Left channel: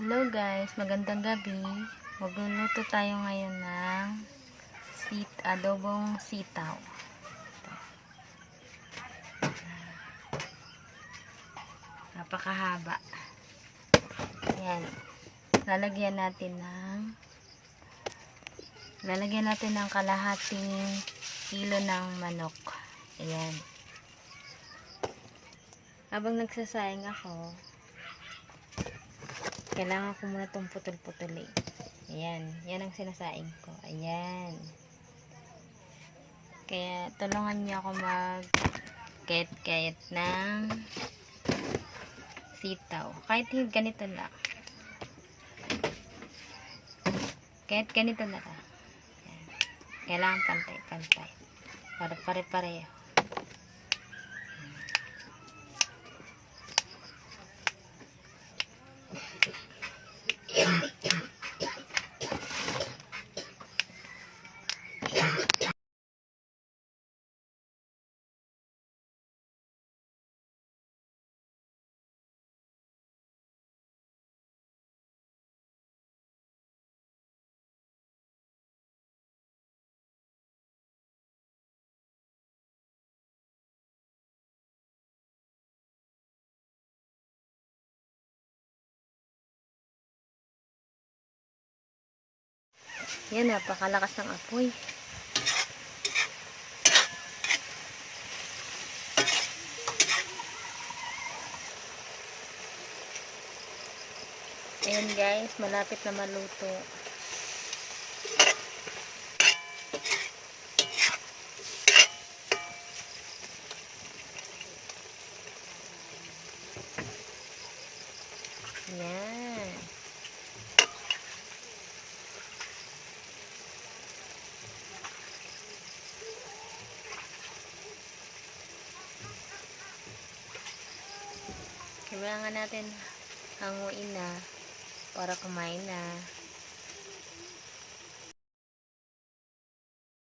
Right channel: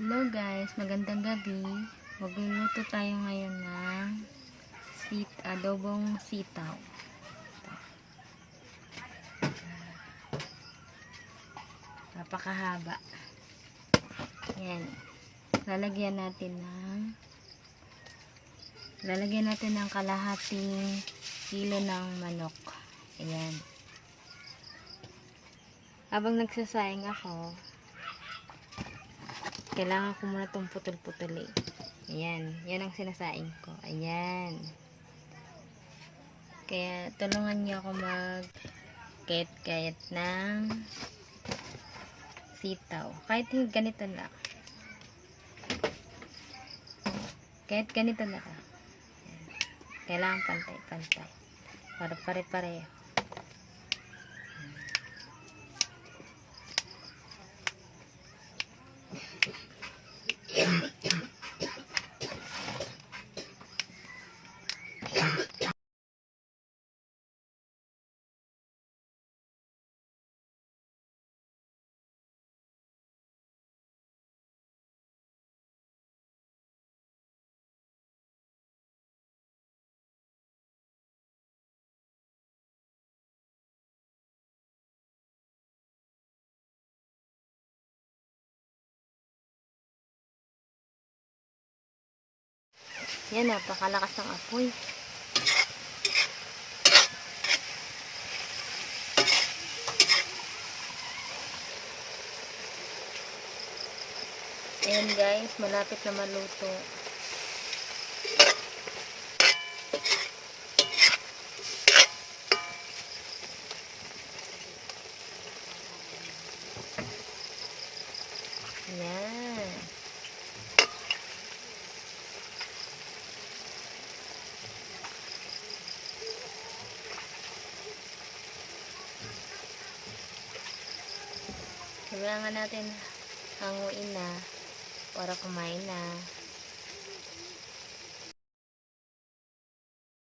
Hello guys, magandang gabi. Magluluto tayo ngayon ng adobong sitaw. Ito. Napakahaba. Yan. Lalagyan natin ng kalahating kilo ng manok. Ayan. Habang nagsasayang ako, kailangan ko muna itong putol-putulin. Ayan. Yan ang sinasaing ko. Ayan. Kaya tulungan niyo ako mag-kayat-kayat ng sitaw. Kahit ganito lang. Kahit ganito na lang. Ayan. Kailangan pantay-pantay. Para pare-pareho. Yan, napakalakas ng apoy. Ayan guys, malapit na maluto. Ayan. Kailangan natin hanguin na para kumain na.